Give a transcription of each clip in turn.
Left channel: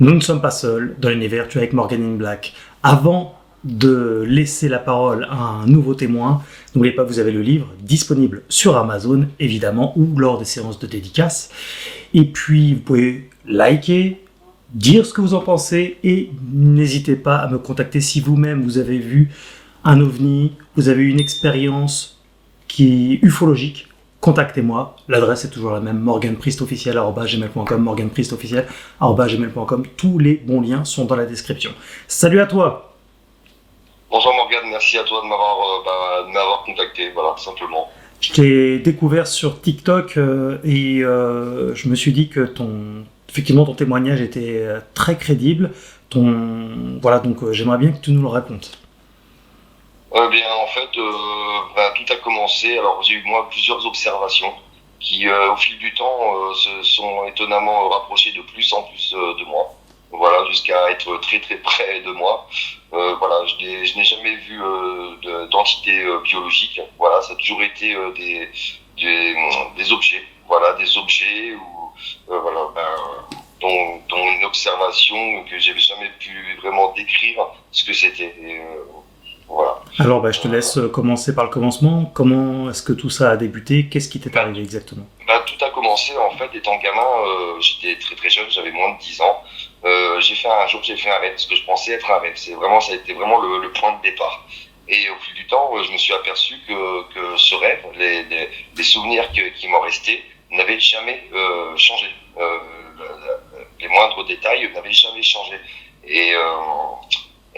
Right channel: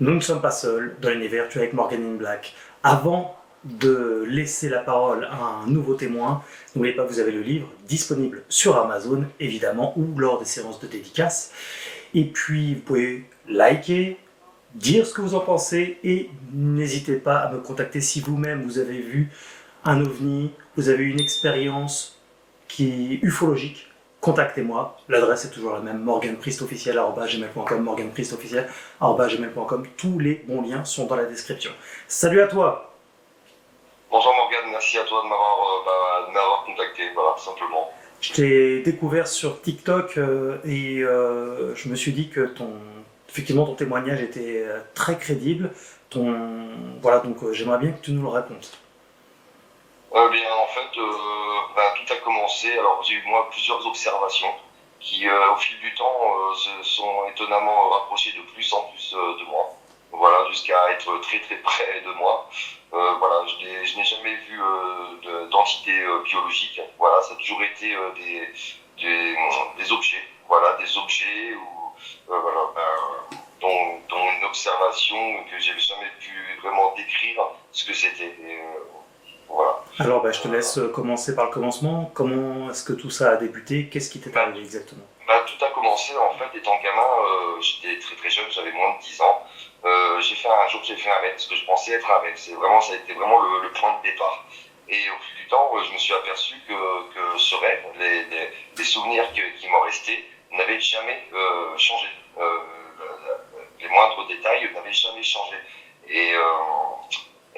Nous ne sommes pas seuls dans l'univers, tu es avec Morgan in Black. Avant de laisser la parole à un nouveau témoin, n'oubliez pas que vous avez le livre disponible sur Amazon, évidemment, ou lors des séances de dédicaces. Et puis, vous pouvez liker, dire ce que vous en pensez, et n'hésitez pas à me contacter si vous-même vous avez vu un ovni, vous avez une expérience qui est ufologique. Contactez-moi, l'adresse est toujours la même, morganpriestofficiel@gmail.com, morganpriestofficiel@gmail.com. Tous les bons liens sont dans la description. Salut à toi. Bonjour Morgane, merci à toi de m'avoir contacté, voilà, simplement. Je t'ai découvert sur TikTok et je me suis dit que effectivement, ton témoignage était très crédible. Voilà, donc j'aimerais bien que tu nous le racontes. Tout a commencé. Alors, j'ai eu moi plusieurs observations qui, au fil du temps, se sont étonnamment rapprochées de plus en plus de moi. Voilà, jusqu'à être très très près de moi. Je n'ai jamais vu d'entité biologique. Voilà, ça a toujours été des objets. Voilà, des objets dont une observation que j'avais jamais pu vraiment décrire ce que c'était. Voilà. Alors, je te laisse commencer par le commencement. Comment est-ce que tout ça a débuté? Qu'est-ce qui t'est arrivé exactement? Tout a commencé en fait étant gamin, j'étais très très jeune, j'avais moins de 10 ans. J'ai fait un rêve, ce que je pensais être un rêve. Ça a été vraiment le point de départ. Et au fil du temps, je me suis aperçu que ce rêve, les souvenirs qui m'en restaient, n'avaient jamais changé. Les moindres détails n'avaient jamais changé. Et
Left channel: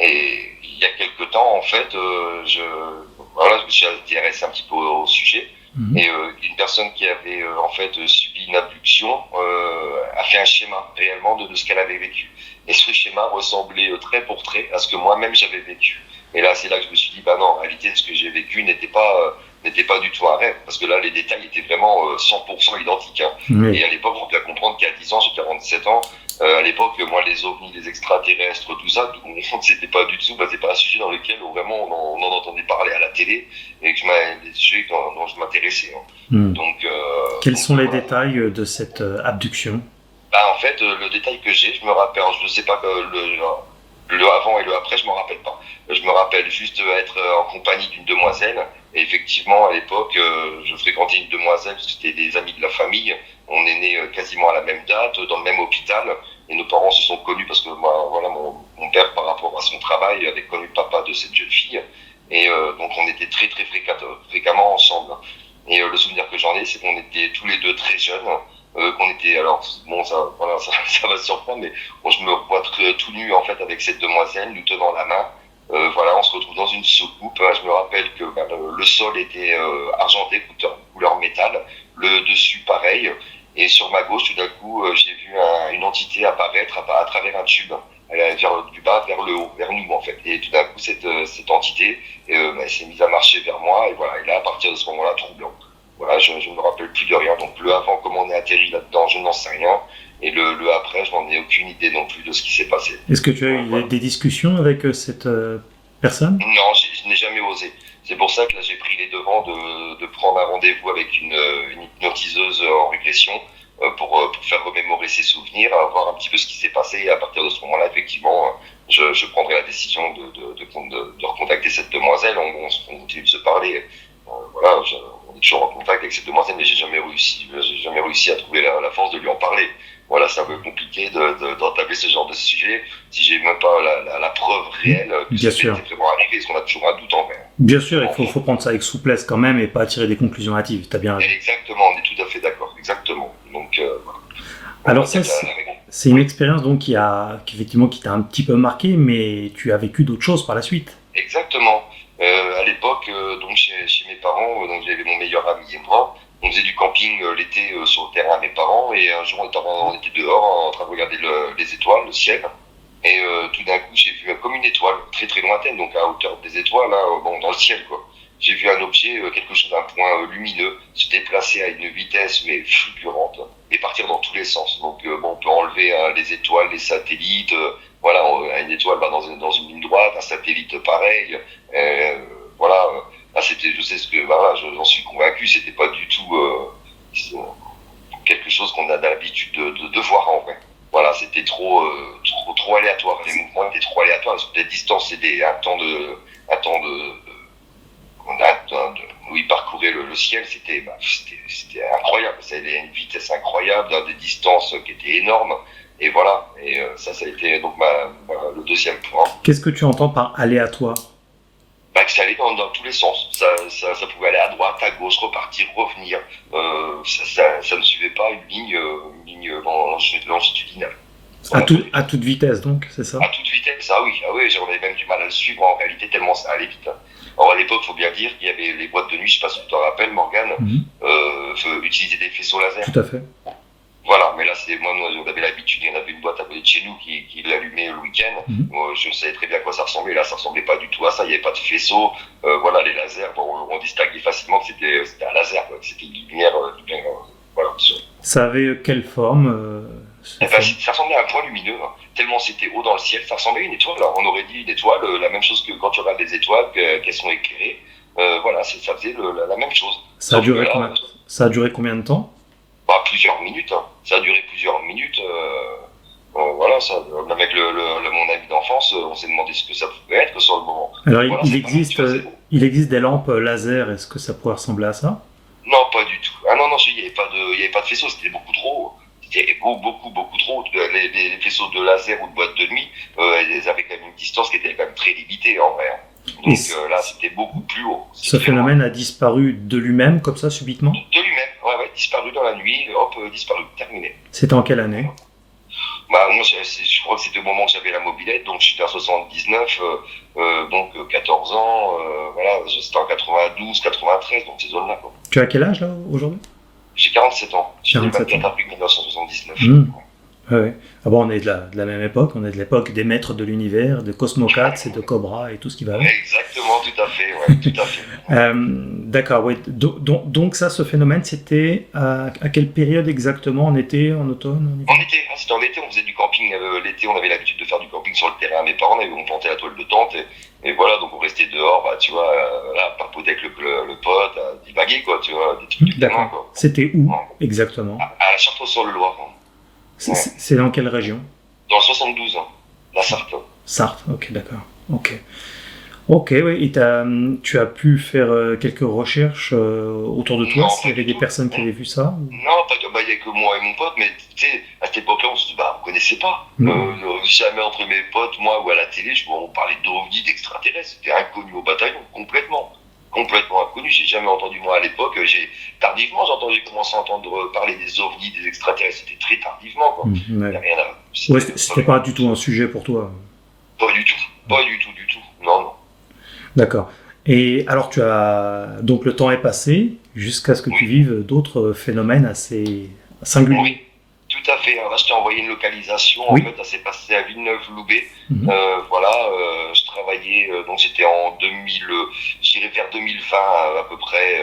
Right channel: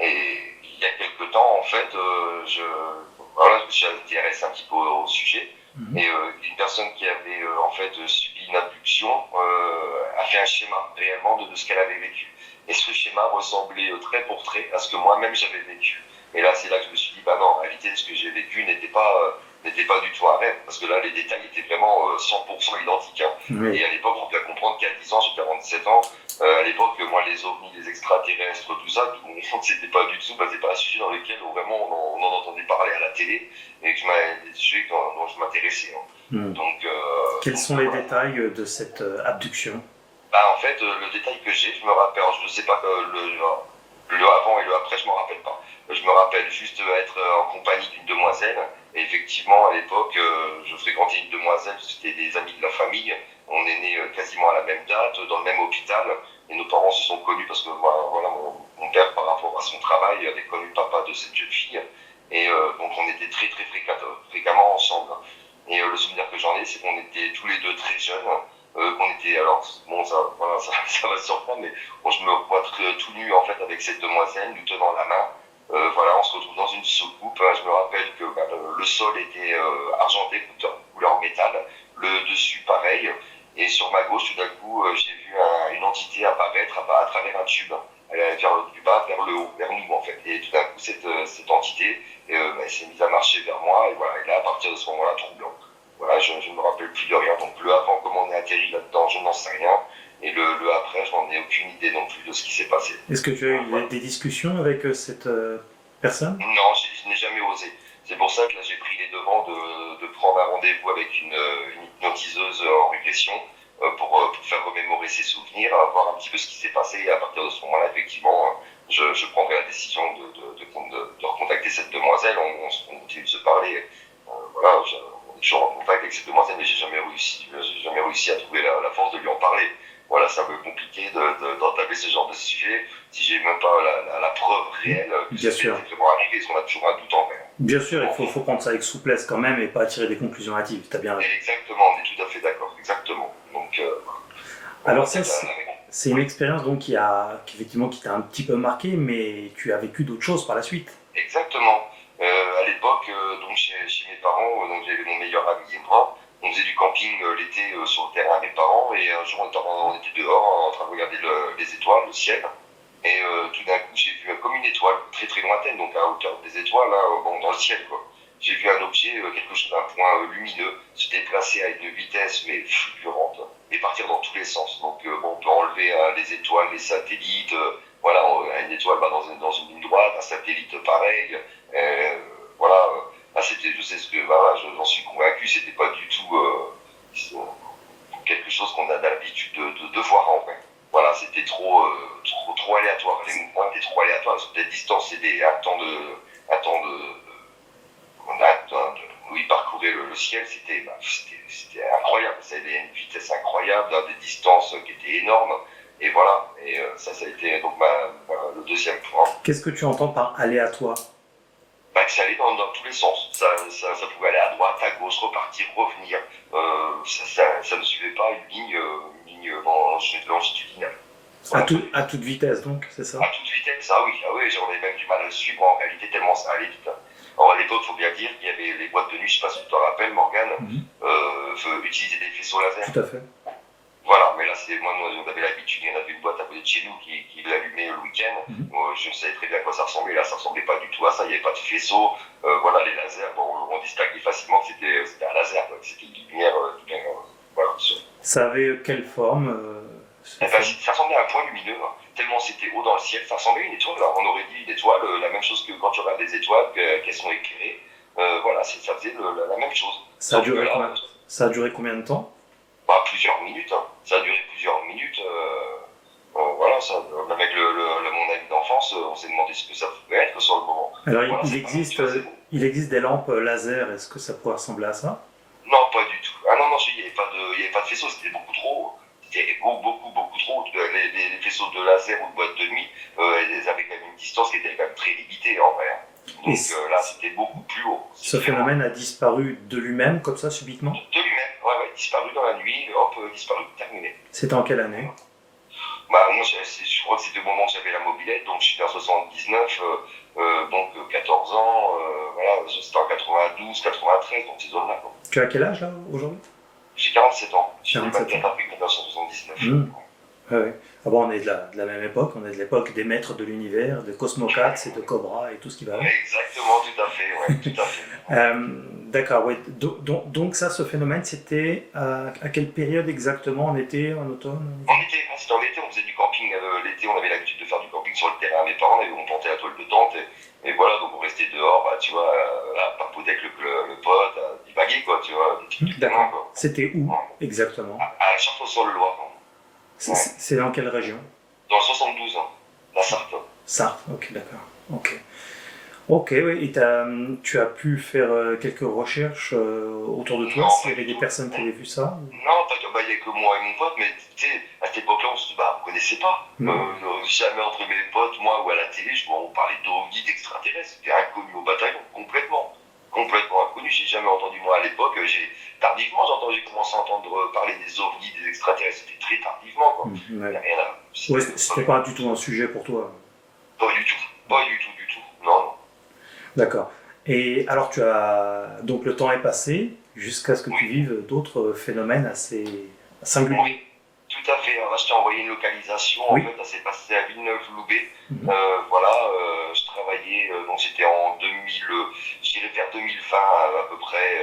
il y a quelque temps, en fait, je me suis intéressé un petit peu au sujet. Mmh. Et une personne qui avait en fait subi une abduction a fait un schéma réellement de ce qu'elle avait vécu. Et ce schéma ressemblait trait pour trait à ce que moi-même j'avais vécu. Et là, c'est là que je me suis dit, non, en réalité, ce que j'ai vécu n'était pas du tout un rêve, parce que là, les détails étaient vraiment 100% identiques. Hein. Oui. Et à l'époque, il faut bien comprendre qu'à 10 ans, j'ai 47 ans, à l'époque, moi, les ovnis, les extraterrestres, tout ça, c'était pas du tout, c'est pas un sujet dans lequel vraiment on en entendait parler à la télé, et que des sujets dont je m'intéressais. Hein. Donc, quels sont les détails de cette abduction? En fait, le détail que j'ai, je me rappelle, je ne sais pas le avant et le après, je ne m'en rappelle pas. Je me rappelle juste être en compagnie d'une demoiselle. Et effectivement, à l'époque, je fréquentais une demoiselle, c'était des amis de la famille. On est nés quasiment à la même date, dans le même hôpital. Et nos parents se sont connus parce que mon père, par rapport à son travail, avait connu le papa de cette jeune fille. Et donc, on était très, très fréquemment ensemble. Et le souvenir que j'en ai, c'est qu'on était tous les deux très jeunes. Qu'on était, alors bon, ça va se surprendre, mais bon, je me vois tout nu en fait avec cette demoiselle, nous tenant la main. On se retrouve dans une soucoupe. Je me rappelle que le sol était argenté, couleur métal, le dessus pareil. Et sur ma gauche, tout d'un coup, j'ai vu une entité apparaître à travers un tube. Elle allait du bas vers le haut, vers nous en fait. Et tout d'un coup, cette entité elle s'est mise à marcher vers moi. Et voilà, et là, à partir de ce moment-là, tout blanc. Voilà, je ne me rappelle plus de rien. Donc le avant, comment on est atterri là-dedans, je n'en sais rien. Et le après, je n'en ai aucune idée non plus de ce qui s'est passé. Est-ce que tu as eu des discussions avec cette personne? Non, je n'ai jamais osé. C'est pour ça que là, j'ai pris les devants de prendre un rendez-vous avec une hypnotiseuse en régression pour faire remémorer ses souvenirs, voir un petit peu ce qui s'est passé. Et à partir de ce moment-là, effectivement, je prendrai la décision de recontacter cette demoiselle. On continue de se parler. On est toujours en contact avec cette demoiselle, mais j'ai jamais réussi à trouver la force de lui en parler. Voilà, c'est un peu compliqué d'entamer ce genre de sujet si j'ai même pas la preuve réelle que Bien ça sûr. était vraiment arrivé, parce qu'on a toujours un doute en vrai. Bien sûr, il faut prendre ça avec souplesse quand même et pas tirer des conclusions hâtives, t'as bien raison. Exactement, on est tout à fait d'accord, exactement. Donc, alors ça, c'est une expérience donc qui effectivement qui t'a un petit peu marqué, mais tu as vécu d'autres choses par la suite. Exactement. À l'époque, donc chez mes parents, donc j'avais mon meilleur ami et moi. On faisait du camping l'été sur le terrain à mes parents, et un jour on était dehors en train de regarder les étoiles, le ciel, et tout d'un coup j'ai vu comme une étoile très très lointaine, donc à hauteur des étoiles, là, dans le ciel quoi. J'ai vu un objet, quelque chose d'un point lumineux, se déplacer à une vitesse mais fulgurante et partir dans tous les sens. Donc on peut enlever les étoiles, les satellites, une étoile dans une ligne droite, un satellite pareil, je sais ce que, j'en suis convaincu, c'était pas du tout quelque chose qu'on a l'habitude de voir en vrai. Voilà, c'était trop où il parcourait le ciel, c'était incroyable. Ça allait à une vitesse incroyable, dans des distances qui étaient énormes. Et voilà, ça a été donc le deuxième point. Qu'est-ce que tu entends par aléatoire? Que ça allait dans tous les sens. Ça pouvait aller à droite, à gauche, repartir, revenir. Ça ne suivait pas une ligne longitudinale. À toute vitesse, donc, c'est ça? À toute vitesse, ah oui, j'en avais même du mal à le suivre en réalité, tellement ça allait vite. Alors à l'époque, il faut bien dire qu'il y avait les boîtes de nuit, je ne sais pas si tu t'en rappelles, Morgane, utiliser des faisceaux laser. Tout à fait. Voilà, mais là, moi, on avait l'habitude, il y en avait une boîte à côté de chez nous qui l'allumait le week-end. Moi, je savais très bien à quoi ça ressemblait. Là, ça ressemblait pas du tout à ça. Il n'y avait pas de faisceau. Voilà, les lasers, on distinguait facilement que c'était un laser, quoi, que c'était une lumière. Voilà. Ça avait quelle forme Ça ressemblait à un point lumineux, hein. Tellement c'était haut dans le ciel. Ça ressemblait à une étoile. Là. On aurait dit une étoile, la même chose que quand tu regardes les étoiles, qu'elles sont éclairées. Voilà, ça faisait la même chose. Ça a duré combien de temps? Plusieurs minutes. Hein. Ça a duré plusieurs minutes. Voilà, avec mon ami d'enfance, on s'est demandé ce que ça pouvait être sur le moment. Alors, voilà, il existe des lampes laser. Est-ce que ça pourrait ressembler à ça? Non, pas du tout. Ah non, il n'y avait pas de faisceau, c'était beaucoup trop haut. C'était beaucoup trop. Les faisceaux de laser ou de boîte de nuit, ils avaient quand même une distance qui était quand même très limitée en vrai. Donc là, c'était beaucoup plus haut. Ce phénomène a disparu de lui-même, comme ça, subitement? De lui-même, ouais, disparu dans la nuit, hop, disparu, terminé. C'était en quelle année? Moi, je crois que c'était au moment où j'avais la mobilette, donc je suis en 79, donc 14 ans, voilà, c'était en 92, 93, donc ces zones-là, quoi. Tu as quel âge, là, aujourd'hui? J'ai 47 ans. J'ai 24 avril 1979. Ouais. Ah bon, on est de la même époque, on est de l'époque des maîtres de l'univers, de Cosmocats et de Cobra et tout ce qui va avec. Exactement, tout à fait, ouais, tout à fait. D'accord, oui. Donc ça, ce phénomène, c'était à quelle période exactement? En été, en automne? C'était en été, on faisait du camping. L'été, on avait l'habitude de faire du camping sur le terrain. Mes parents, on plantait la toile de tente et voilà, donc on restait dehors, tu vois, là, papoter avec le pote, à divaguer, quoi, tu vois, des trucs du terrain, quoi. C'était où, exactement? À Chartres-sur-le-Loir. C'est dans quelle région? Dans le 72, la Sarthe. Sarthe, ok, d'accord. Ok, oui, et tu as pu faire quelques recherches autour de toi, s'il y avait des personnes qui avaient vu ça? Non, il n'y a que moi et mon pote, mais tu sais, à cette époque-là, on ne connaissait pas. Jamais entre mes potes, moi, ou à la télé, on parlait d'ovnis, d'extraterrestres. C'était inconnu au bataillon, complètement inconnu. J'ai jamais entendu, moi, à l'époque. Tardivement, j'ai commencé à entendre parler des ovnis, des extraterrestres. C'était très tardivement, quoi. C'était pas du tout un sujet pour toi? Pas du tout. Non. D'accord. Et alors, donc le temps est passé jusqu'à ce que tu vives d'autres phénomènes assez singuliers. Oui, tout à fait. Alors là, je t'ai envoyé une localisation. En fait, ça s'est passé à Villeneuve-Loubet. Voilà, je travaillais, donc j'étais en 2000, j'irais vers 2020 à peu près.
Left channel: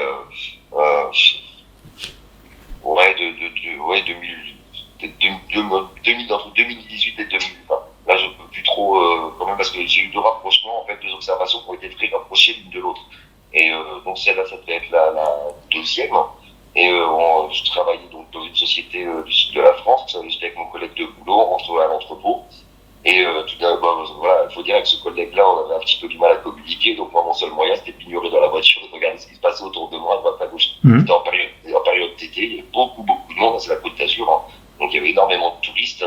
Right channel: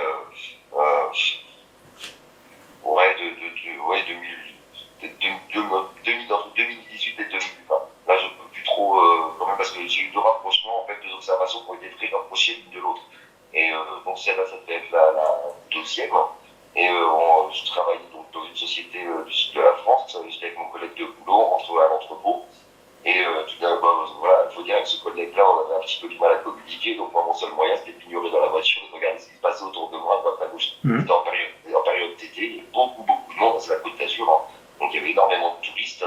Entre 2018 et 2020. Là, je ne peux plus trop, quand même, parce que j'ai eu deux rapprochements, en fait, deux observations qui ont été très rapprochées l'une de l'autre. Et donc, celle-là, ça devait être la deuxième. Et je travaillais donc dans une société du sud de la France. J'étais avec mon collègue de boulot, on rentrait à l'entrepôt. Et tout d'abord, voilà, il faut dire qu'avec ce collègue-là, on avait un petit peu du mal à communiquer. Donc, moi, mon seul moyen, c'était de m'ignorer dans la voiture et de regarder ce qui se passait autour de moi, à droite, à gauche. C'était en période d'été, il y avait beaucoup de monde, c'est la Côte d'Azur. Hein. Donc, il y avait énormément de touristes.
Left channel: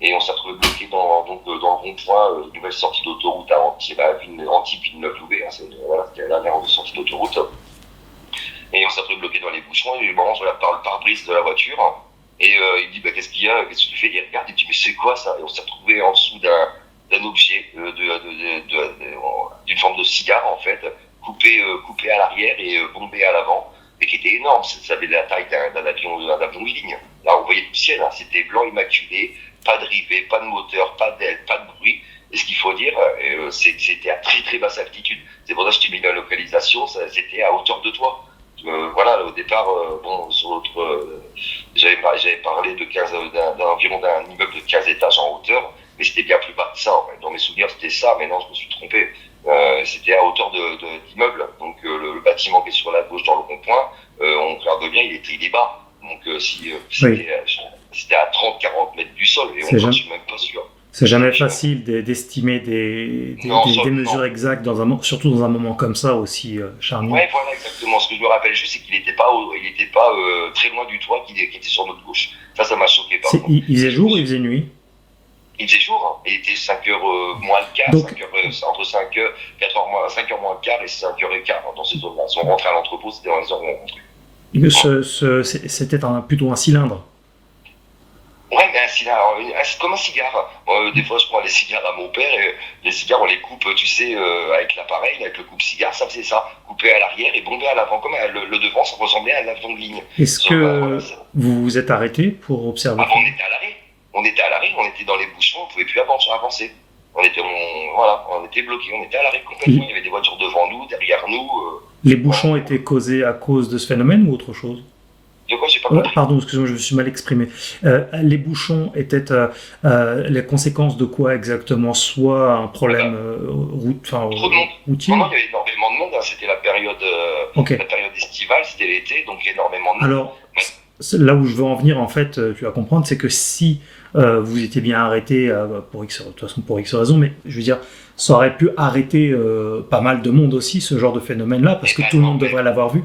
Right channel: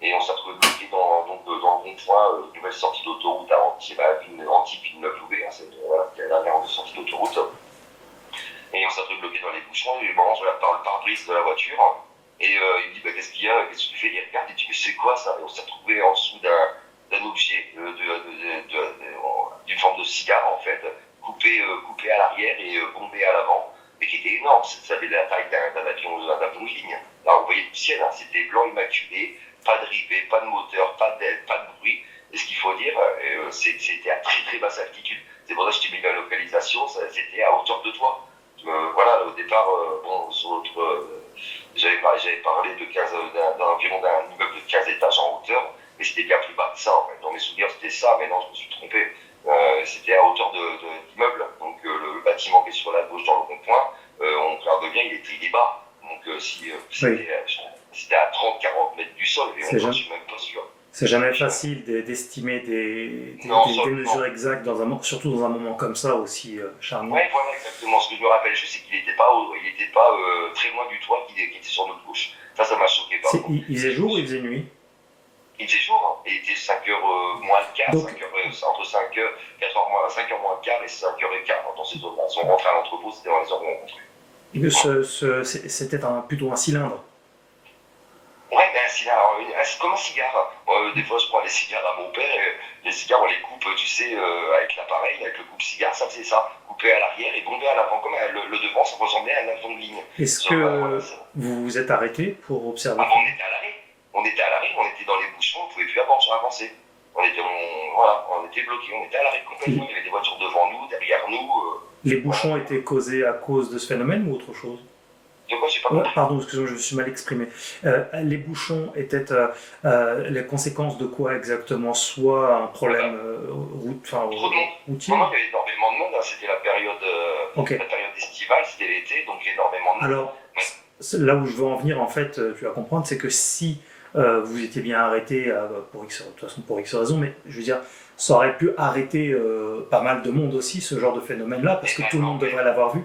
Et on s'est retrouvé bloqué dans le rond-point, une nouvelle sortie d'autoroute à Antibes-Villeneuve-Loubet. C'était la dernière sortie d'autoroute. Et on s'est retrouvé bloqué dans les bouchons. Et je regarde par le pare-brise de la voiture. Et il dit qu'est-ce qu'il y a, qu'est-ce que tu fais? Il regarde et il dit mais c'est quoi ça? Et on s'est retrouvé en dessous d'un objet, d'une forme de cigare en fait, coupé à l'arrière et bombé à l'avant, et qui était énorme. Ça avait la taille d'un avion Wheeling. Là on voyait le ciel, hein, c'était blanc immaculé, pas de rivet, pas de moteur, pas d'aile, pas de bruit. Et ce qu'il faut dire, c'est que c'était à très très basse altitude. C'est pour ça que je t'ai mis la localisation, c'était à hauteur de toi. Voilà, au départ, sur l'autre, j'avais parlé d'environ d'un immeuble de 15 étages en hauteur, mais c'était bien plus bas que ça. En fait. Dans mes souvenirs, c'était ça, mais non, je me suis trompé. C'était à hauteur d'immeuble. Donc le bâtiment qui est sur la gauche dans le rond-point, on regarde bien, il est bas. Donc c'était à 30-40 mètres du sol, et je ne suis même pas sûr. C'est jamais facile d'estimer Non, des mesures exactes, surtout dans un moment comme ça aussi charnière. Ouais, voilà, exactement. Ce que je me rappelle juste, c'est qu'il n'était pas, très loin du toit, qui était sur notre gauche. Ça m'a choqué, par contre. Il faisait jour ou il faisait nuit? Il faisait jour, hein. Il était 5h moins le quart, Donc, 5 heures, entre 5h, 4h moins, 5h moins le quart et 5h15 dans ces zones-là. Si on rentrait à l'entrepôt, c'était dans les heures où on rentrait. C'était plutôt un cylindre. Ouais, mais un cigare, c'est comme un cigare. Des fois, je prends les cigares à mon père et les cigares, on les coupe, tu sais, avec l'appareil, avec le coupe-cigare, ça faisait ça. Couper à l'arrière et bomber à l'avant. Comme le devant, ça ressemblait à un avion de ligne. Est-ce Sauf, que voilà, vous vous êtes arrêté pour observer? avant, on était à l'arrêt. On était à l'arrêt, on était dans les bouchons, on ne pouvait plus avancer. On était bloqués, on était à l'arrêt complètement. Il y avait des voitures devant nous, derrière nous. Les bouchons étaient causés à cause de ce phénomène ou autre chose? De quoi, j'ai pas compris. Pardon, excusez-moi, je me suis mal exprimé. Les bouchons étaient les conséquences de quoi exactement? Soit un problème Trop de monde. routier? Non, il y avait énormément de monde, hein. C'était la période estivale, c'était l'été, donc énormément de monde. Alors, là où je veux en venir, en fait, tu vas comprendre, c'est que si vous étiez bien arrêté, de toute façon pour X raisons, mais je veux dire, ça aurait pu arrêter pas mal de monde aussi, ce genre de phénomène-là, parce que tout le monde devrait l'avoir vu.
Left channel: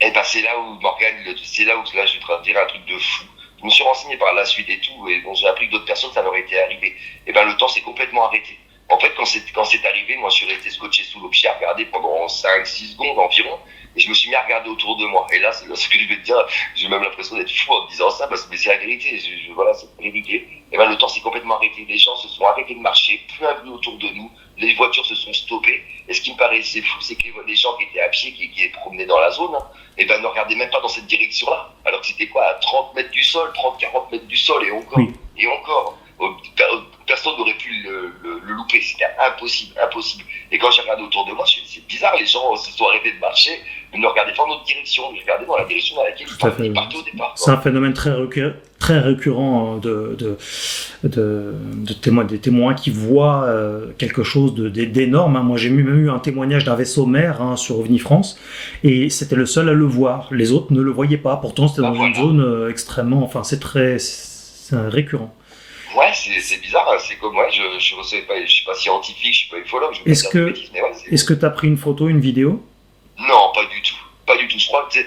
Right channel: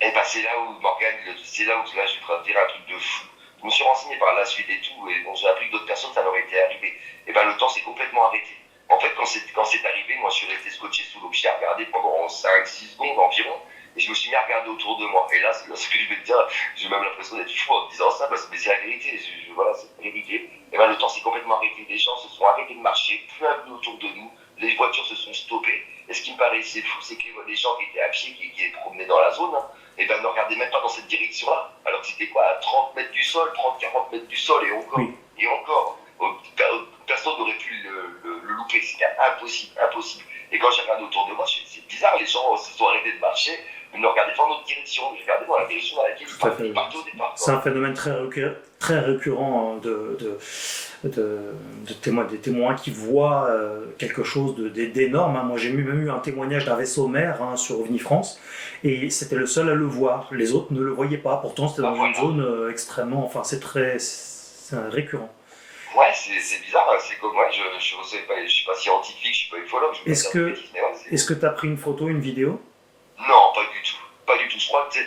Et ben c'est là où, Morgane, c'est là où là, je vais te dire un truc de fou. Je me suis renseigné par la suite et tout, et bon, j'ai appris que d'autres personnes, ça leur était arrivé. Et ben le temps s'est complètement arrêté. En fait, quand c'est arrivé, moi je suis resté scotché sous l'eau, j'ai regardé pendant 5-6 secondes environ, et je me suis mis à regarder autour de moi. Et là, c'est ce que je vais te dire, j'ai même l'impression d'être fou en me disant ça, mais c'est la vérité, voilà, c'est ridicule. Et ben le temps s'est complètement arrêté, les gens se sont arrêtés de marcher, plus un bruit autour de nous, les voitures se sont stoppées, et ce qui me paraissait fou, c'est que les gens qui étaient à pied, qui promenaient dans la zone, et ben ne regardaient même pas dans cette direction-là, alors que c'était quoi, à 30 mètres du sol, 30-40 mètres du sol, et encore, oui. Et encore. Personne n'aurait pu le louper, c'était impossible. Et quand j'ai regardé autour de moi, c'est bizarre, les gens se sont arrêtés de marcher, de ne regarder pas dans notre direction, ils regardaient dans la direction dans laquelle ils partaient au départ. C'est un phénomène très récurrent des témoins qui voient quelque chose d'énorme. Hein. Moi, j'ai même eu un témoignage d'un vaisseau mère sur OVNI France, et c'était le seul à le voir. Les autres ne le voyaient pas. Pourtant, c'était dans une zone extrêmement... Enfin, c'est récurrent. Ouais, c'est bizarre, hein. C'est comme moi, je suis pas scientifique, je suis pas ufologue. Est-ce que tu as pris une photo, une vidéo? Non, pas du tout. Je crois que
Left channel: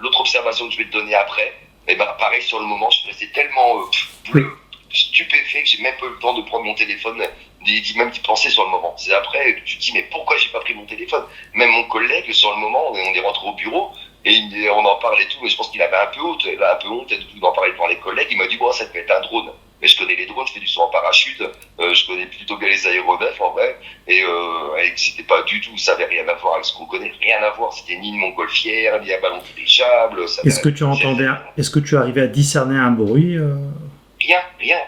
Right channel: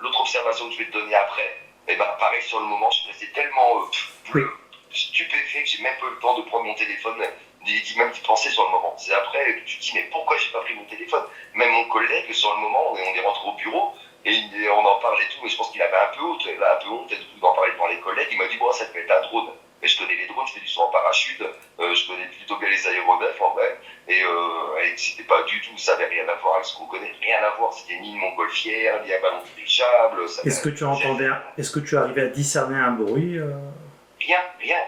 l'autre observation que je vais te donner après, pareil, sur le moment, je suis resté tellement stupéfait que j'ai même pas eu le temps de prendre mon téléphone, même d'y penser sur le moment. C'est après que tu te dis, mais pourquoi j'ai pas pris mon téléphone? Même mon collègue, sur le moment, on est rentré au bureau, et on en parlait et tout, mais je pense qu'il avait un peu honte, et tout d'en parler devant les collègues. Il m'a dit, bon, ça peut être un drone. Mais je connais les drones, je fais du saut en parachute, je connais plutôt bien les aéronefs en vrai, et c'était pas du tout, ça avait rien à voir avec ce qu'on connaît, rien à voir, c'était ni une montgolfière, ni un ballon dirigeable. Est-ce que tu arrivais à discerner un bruit Rien,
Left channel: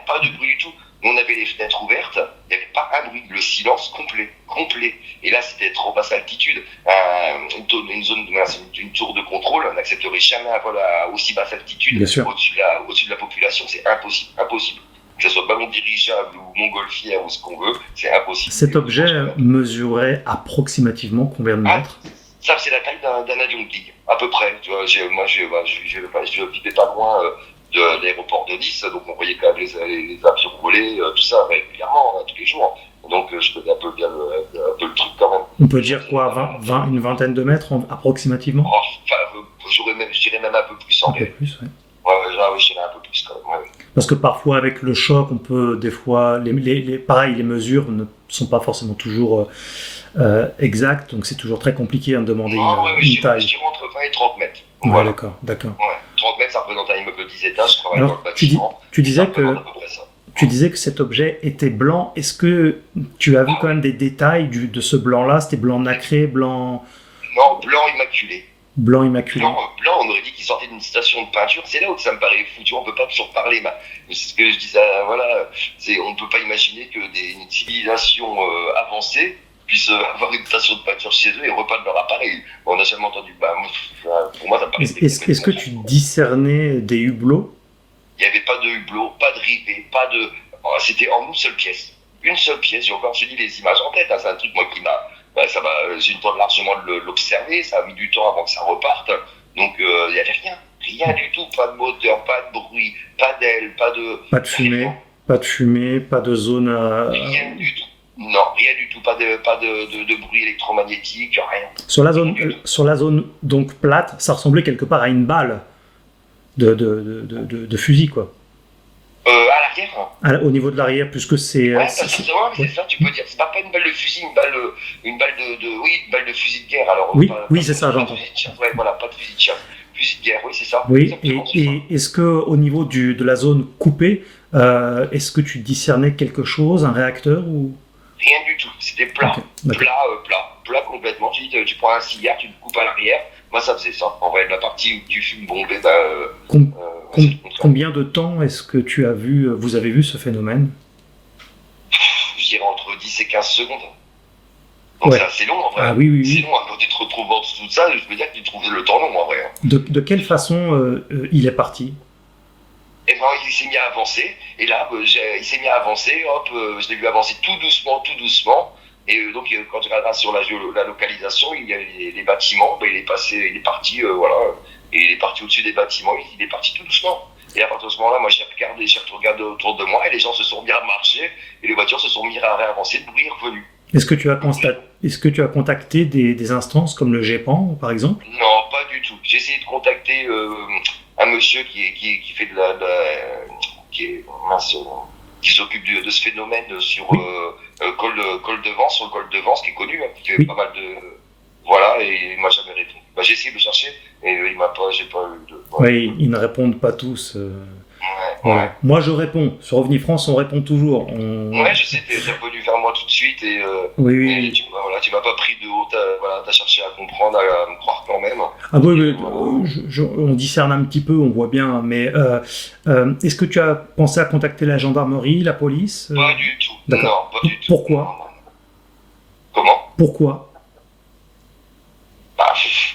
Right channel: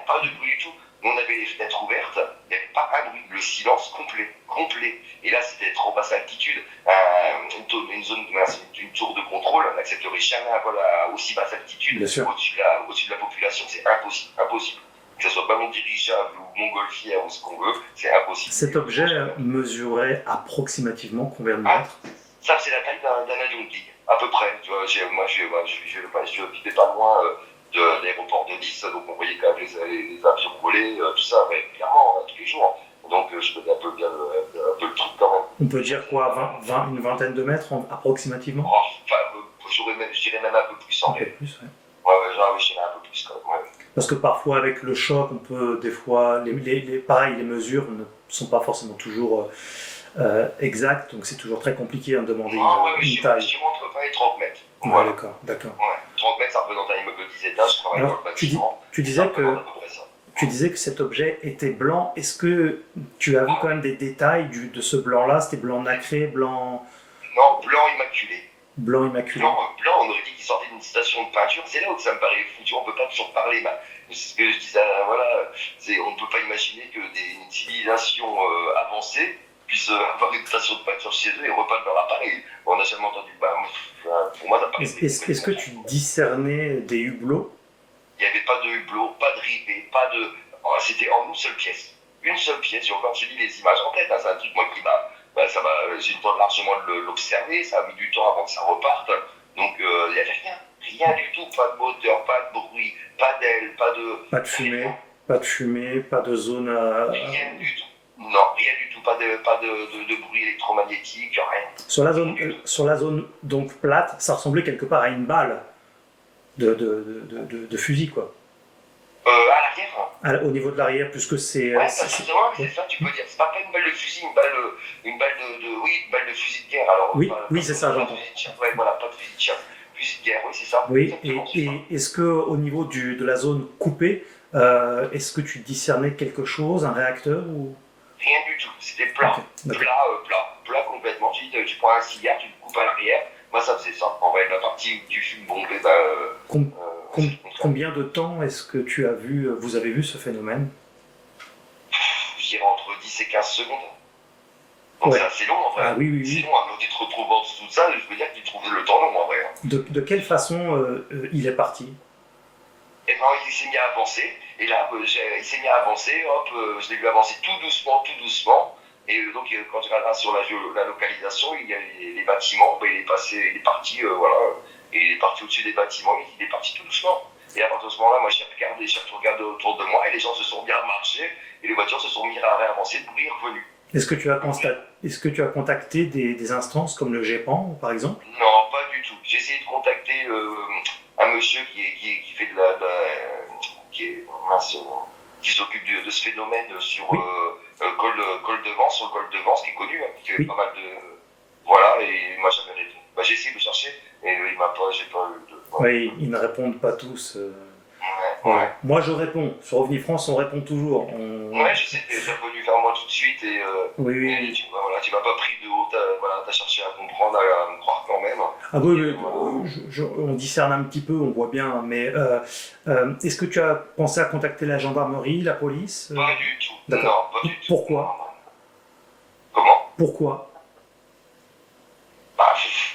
pas de bruit du tout. On avait les fenêtres ouvertes, il n'y avait pas un bruit, le silence complet. Et là, c'était trop basse altitude. Une tour de contrôle, on n'accepterait jamais un vol à aussi basse altitude au-dessus de la population, c'est impossible. Que ce soit ballon dirigeable ou montgolfière ou ce qu'on veut, c'est impossible. Cet objet mesurait approximativement combien de mètres? Ça, c'est la taille d'un avion de ligne, à peu près. Tu vois, je vivais pas loin de l'aéroport de Nice, donc on voyait quand même les avions voler, tout ça régulièrement, tous les jours. Donc je connais un peu bien le truc quand même. On peut dire quoi, une vingtaine de mètres approximativement? Je dirais même un peu plus. Un peu plus, oui. Ouais, je dirais un peu plus quand même. Ouais. Parce que parfois avec le choc, on peut des fois, pareil, les mesures ne sont pas forcément toujours exactes, donc c'est toujours très compliqué de demander une taille. Je dirais entre 20 et 30 mètres. Ouais, voilà. D'accord. Ouais, 30 mètres, ça représente un immeuble de 10 étages. Alors, tu disais que cet objet était blanc. Est-ce que tu as vu quand même des détails de ce blanc-là? C'était blanc nacré, blanc... Non, blanc immaculé. Blanc immaculé. Blanc, on aurait dit qu'il sortait d'une station de peinture. C'est là où ça me paraît fou. Tu vois, on peut pas toujours parler. C'est ce que je disais, voilà. On ne peut pas imaginer que une civilisation avancée puisse avoir une station de peinture chez eux et repeindre leur appareil. On n'a jamais entendu. Pour moi, ça me paraît... Est-ce que tu discernais des hublots? Il n'y avait pas de hublot, pas de rivets, pas de... C'était en une seule pièce. J'ai encore suivi les images en tête. Hein. C'est un truc, moi, qui m'a... j'ai eu le temps largement de l'observer. Ça a mis du temps avant que ça reparte. Donc, il n'y avait rien. Rien du tout. Pas de moteur, pas de bruit, pas d'aile, pas de... Pas de fumée. Pas de fumée, pas de zone... Rien du tout. Non, rien du tout. Pas de bruit électromagnétique, rien. Sur la zone donc plate, ça ressemblait quelque part à une balle de fusil, quoi. À l'arrière. Au niveau de l'arrière, puisque c'est... Ouais, c'est ça, tu peux dire. C'est pas une balle de fusil, une balle de fusil de guerre. Alors, oui, c'est ça, j'entends. Ouais, voilà, pas de fusil de chasse. Fusil de guerre, oui, c'est ça. Oui, et est-ce que au niveau de la zone coupée, est-ce que tu discernais quelque chose, un réacteur ou... Rien du tout, c'était plat. Okay, plat complètement. Tu prends un cigare, tu le coupes à l'arrière. Moi, ça faisait ça. En vrai, la partie où tu fumes bombé, combien de temps est-ce que vous avez vu ce phénomène? Je dirais entre 10 et 15 secondes. Donc c'est assez long en vrai. Ah oui. C'est long, quand tu te retrouves dans tout ça, je veux dire que tu trouves le temps long en vrai. De quelle façon il est parti? Et ben il s'est mis à avancer, et là il s'est mis à avancer, hop, je l'ai vu avancer tout doucement, et donc quand tu regardes sur la localisation, il y a les bâtiments, il est parti, voilà, et il est parti au-dessus des bâtiments, il est parti tout doucement. Et à partir de ce moment-là, moi j'ai regardé autour de moi, et les gens se sont mis à marcher, et les voitures se sont mis à réavancer, le bruit est revenu. Est-ce que tu as contacté des instances comme le GEPAN, par exemple? Non, pas du tout. J'ai essayé de contacter un monsieur qui fait qui s'occupe de ce phénomène sur col de Vence, qui est connu, qui fait pas mal de... Voilà, et il m'a jamais répondu. J'ai essayé de chercher, et j'ai pas eu de... Voilà. Oui, ils ne répondent pas tous. Ouais. Moi, je réponds. Sur OVNI France, on répond toujours. Ouais, je sais, t'es revenu vers moi tout de suite, et oui. Tu m'as pas pris de haut, t'as cherché à comprendre, à me croire quand même. Ah oui, on discerne un petit peu, on voit bien, mais est-ce que tu as pensé à contacter la gendarmerie, la police? Pas du tout. D'accord. Non, pas du tout. Pourquoi? Comment? Pourquoi?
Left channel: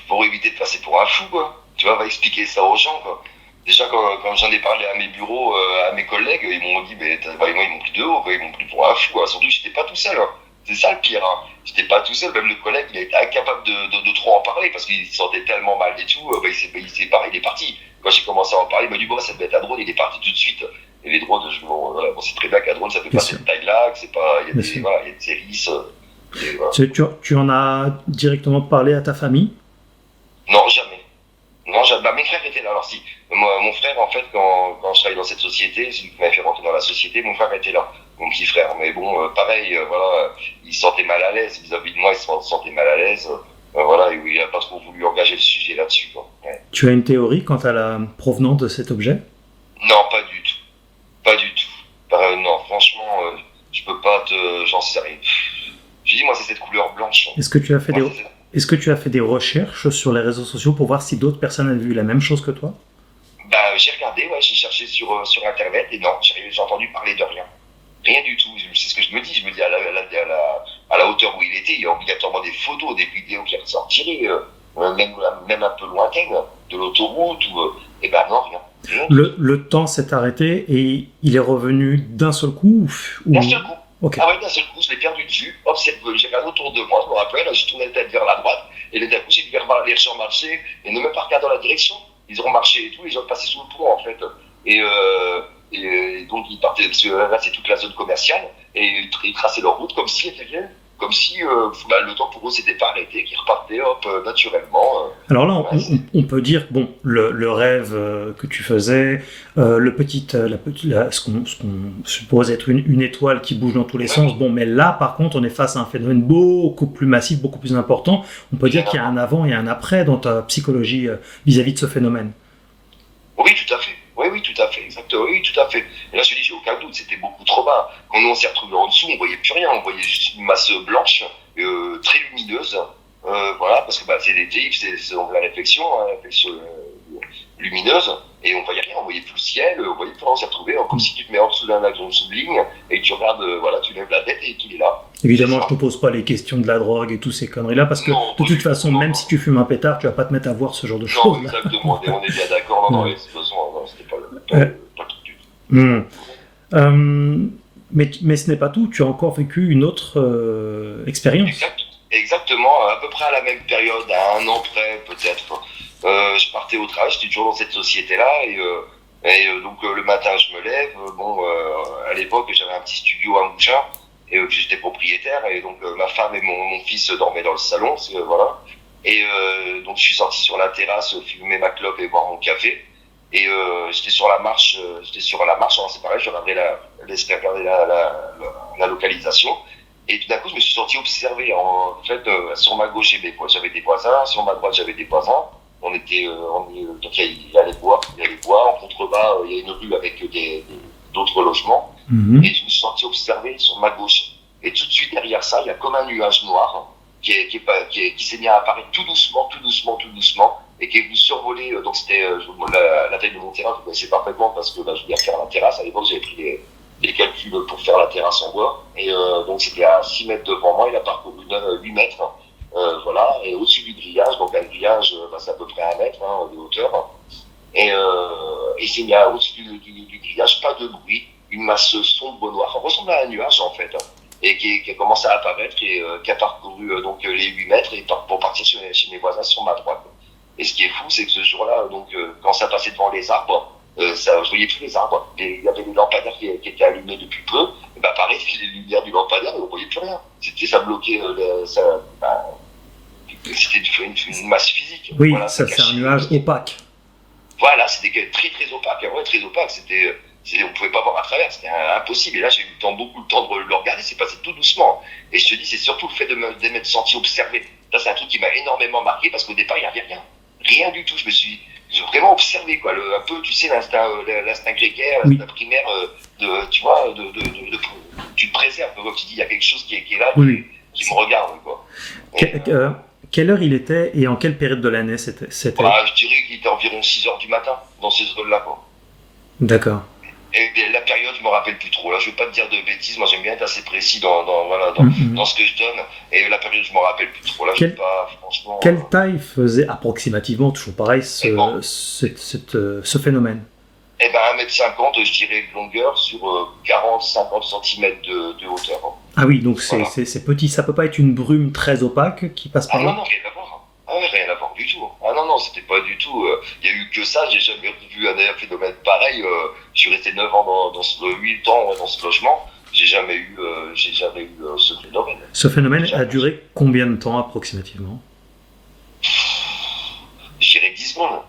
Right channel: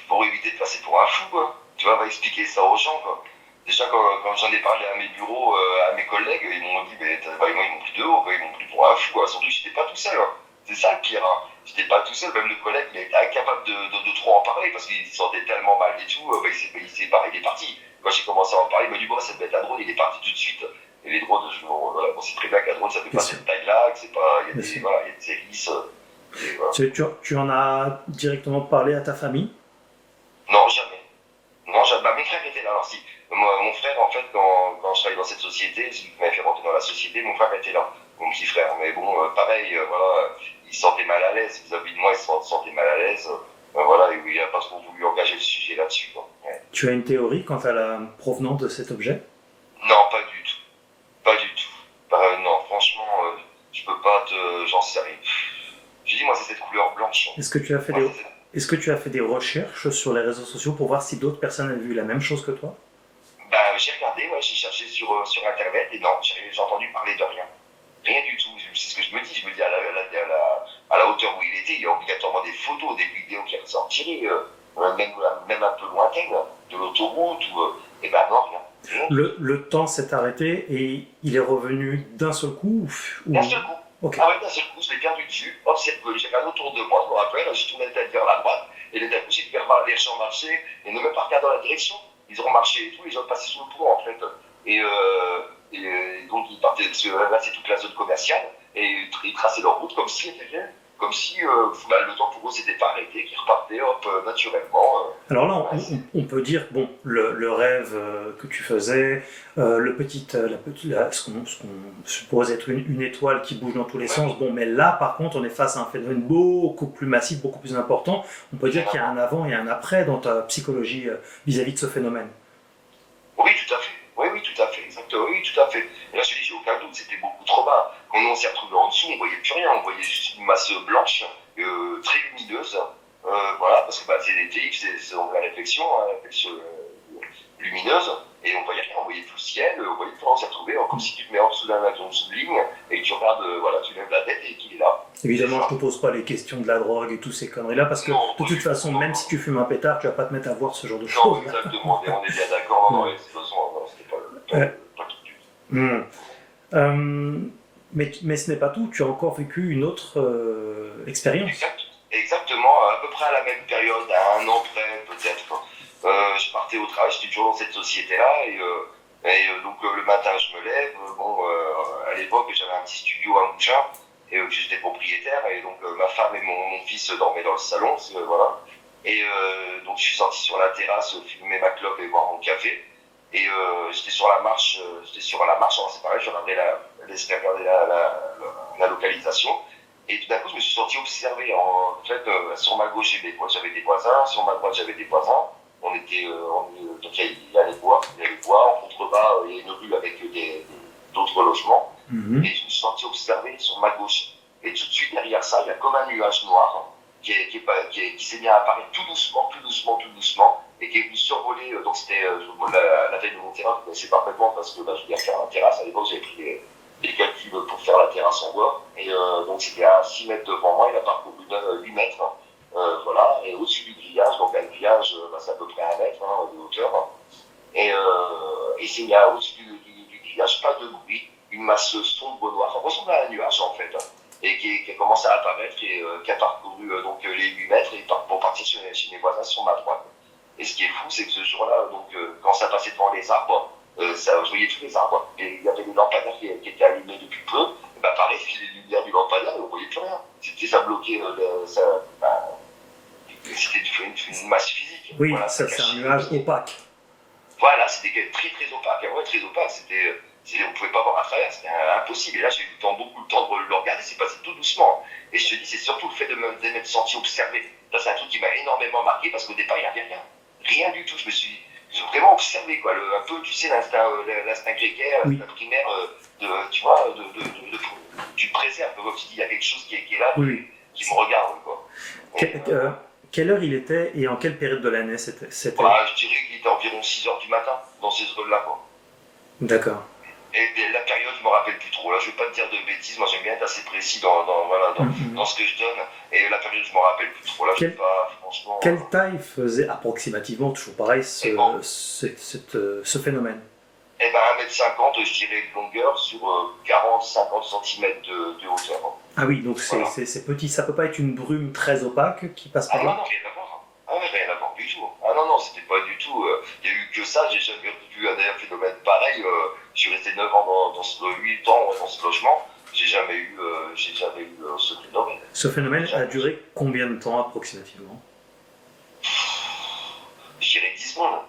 Pour éviter de passer pour un fou, quoi. Tu vois, va expliquer ça aux gens, quoi. Déjà, quand j'en ai parlé à mes bureaux, à mes collègues, ils m'ont dit, ils m'ont pris de haut, quoi. Ils m'ont pris pour un fou, quoi. Surtout que j'étais pas tout seul, hein. C'est ça le pire, hein. J'étais pas tout seul, même le collègue, il a été incapable de trop en parler parce qu'il se sentait tellement mal et tout, il est parti. Quand j'ai commencé à en parler, il m'a dit, ça devait être un drone, il est parti tout de suite. Et les drones, on sait très bien qu'un drone, ça fait pas cette taille-là, que c'est pas, il y a des hélices. Voilà. Tu en as directement parlé à ta famille? Non, jamais. Non, jamais. Mes frères étaient là. Alors si, mon frère, en fait, quand je travaillais dans cette société, celui qui m'a fait rentrer dans la société, mon frère était là. Mon petit frère. Mais bon, pareil, voilà, il se sentait mal à l'aise. Vis-à-vis de moi, il se sentait mal à l'aise. Voilà, il n'a pas trop voulu engager le sujet là-dessus, quoi. Ouais. Tu as une théorie quant à la provenance de cet objet? Non, pas du tout. Pas du tout. Non, franchement, je peux pas j'en sais rien. Je dis, moi, c'est cette couleur blanche. Est-ce que tu as fait des recherches sur les réseaux sociaux pour voir si d'autres personnes avaient vu la même chose que toi? J'ai regardé, j'ai cherché sur Internet, et non, j'ai entendu parler de rien. Rien du tout. C'est ce que je me dis. Je me dis, à la hauteur où il était, il y a obligatoirement des photos, des vidéos qui ressortiraient, même un peu lointaines, de l'autoroute, et non, rien. Le temps s'est arrêté et il est revenu d'un seul coup D'un seul coup. Okay. Ah ouais, d'un seul coup, je l'ai perdu de vue. Hop, j'ai regardé autour de moi, je me rappelle, j'ai tourné la tête vers la droite, et d'un coup, j'ai vu les gens marcher, et ne même pas regarder dans la direction. Ils ont marché et tout, les gens passaient sous le pont, en fait. Et donc, ils partaient, parce que là, c'est toute la zone commerciale, et ils traçaient leur route comme si le temps pour eux s'était pas arrêté, qu'ils repartaient naturellement. Alors là, on peut dire, bon, le rêve que tu faisais, ce qu'on suppose être une étoile qui bouge dans tous les sens, bon, mais là, par contre, on est face à un phénomène beaucoup plus massif, beaucoup plus important. On peut dire qu'il y a un avant et un après dans ta psychologie vis-à-vis de ce phénomène. Oui, tout à fait. Oui, tout à fait, exactement. Oui, tout à fait. Et là, je te dis, j'ai aucun doute, c'était beaucoup trop bas. Quand on s'est retrouvé en dessous, on voyait plus rien, on voyait juste une masse blanche, très lumineuse. Voilà, parce que c'est des TX, c'est la réflexion lumineuse, et on voyait rien, on voyait plus le ciel, on voyait plus rien, on s'est retrouvé comme si tu te mets en dessous d'un avion de ligne, et que tu regardes, tu lèves la tête et qu'il est là. Évidemment, je te pose pas les questions de la drogue et toutes ces conneries-là, parce que de toute façon, même si tu fumes un pétard, tu vas pas te mettre à voir ce genre de choses. Non, exactement, on est bien d'accord, non, c'est besoin, c'était pas le truc du tout. Mais ce n'est pas tout, tu as encore vécu une autre expérience. Exactement, à peu près à la même période, à un an près peut-être. Je partais au travail, j'étais toujours dans cette société-là, et donc le matin je me lève, à l'époque, j'avais un petit studio à Mougins, et j'étais propriétaire, et donc ma femme et mon fils dormaient dans le salon, voilà. Et donc je suis sorti sur la terrasse, fumer ma clope et boire mon café. Et j'étais sur la marche, alors c'est pareil, je regardais la localisation. Et tout d'un coup, je me suis senti observé. En fait, sur ma gauche, j'avais des voisins, sur ma droite, j'avais des voisins. Donc il y a les bois, en contrebas, il y a une rue avec d'autres logements. Mhm. Et je me suis senti observé sur ma gauche. Et tout de suite derrière ça, il y a comme un nuage noir qui s'est mis à apparaître tout doucement, et qui est venu survoler. Donc c'était la taille de mon terrain, vous connaissez parfaitement parce que je voulais faire la terrasse. À l'époque, j'avais pris des calculs pour faire la terrasse en bois. Et donc c'était à 6 mètres devant moi, il a parcouru 8 mètres. Voilà, et au-dessus du grillage, donc un grillage, c'est à peu près 1 mètre de hauteur. Et il s'est mis au-dessus du grillage, pas de bruit, une masse sombre noire, ça ressemble à un nuage en fait, et qui a commencé à apparaître et qui a parcouru donc les 8 mètres et pour partir chez mes voisins sur ma droite. Et ce qui est fou, c'est que ce jour-là, donc quand ça passait devant les arbres, je voyais tous les arbres. Il y avait des lampadaires qui étaient allumés depuis peu. Et pareil, les lumières du lampadaire, on ne voyait plus rien. Ça bloquait, c'était une masse physique. Oui, voilà, ça c'est un nuage opaque. Voilà, c'était très très opaque. Ouais, très opaque. On ne pouvait pas voir à travers, c'était impossible. Et là, j'ai eu beaucoup le temps de le regarder, c'est passé tout doucement. Et je te dis, c'est surtout le fait de m'être senti observé. Ça, c'est un truc qui m'a énormément marqué parce qu'au départ, il n'y avait rien. Rien du tout. J'ai vraiment observé, quoi. Un peu, tu sais, l'instinct grégaire, Oui. l'instinct primaire, tu vois, tu te préserves. Comme tu dis, il y a quelque chose qui est là, Oui. qui me regarde, quoi. Quelle heure il était et en quelle période de l'année c'était Je dirais qu'il était environ 6h du matin, dans ces zones-là, quoi. D'accord. Et la période, je me rappelle plus trop. Là, je vais pas te dire de bêtises. Moi, j'aime bien être assez précis dans ce que je donne. Et la période, je me rappelle plus trop. Là, je sais pas, franchement. Quelle taille faisait approximativement, toujours pareil, ce phénomène? Eh ben, 1m50, je dirais de longueur sur 40-50 cm de hauteur. Ah oui, donc Voilà. c'est petit. Ça peut pas être une brume très opaque qui passe par Ah non, là? non, rien à voir. Ah ouais, rien à voir du tout. Ah non, non, c'était pas du tout. Il y a eu que ça. J'ai jamais vu un phénomène pareil. Je suis resté 9 ans 8 ans dans ce logement. J'ai jamais eu ce phénomène. Ce phénomène a duré combien de temps approximativement? Je dirais 10 secondes.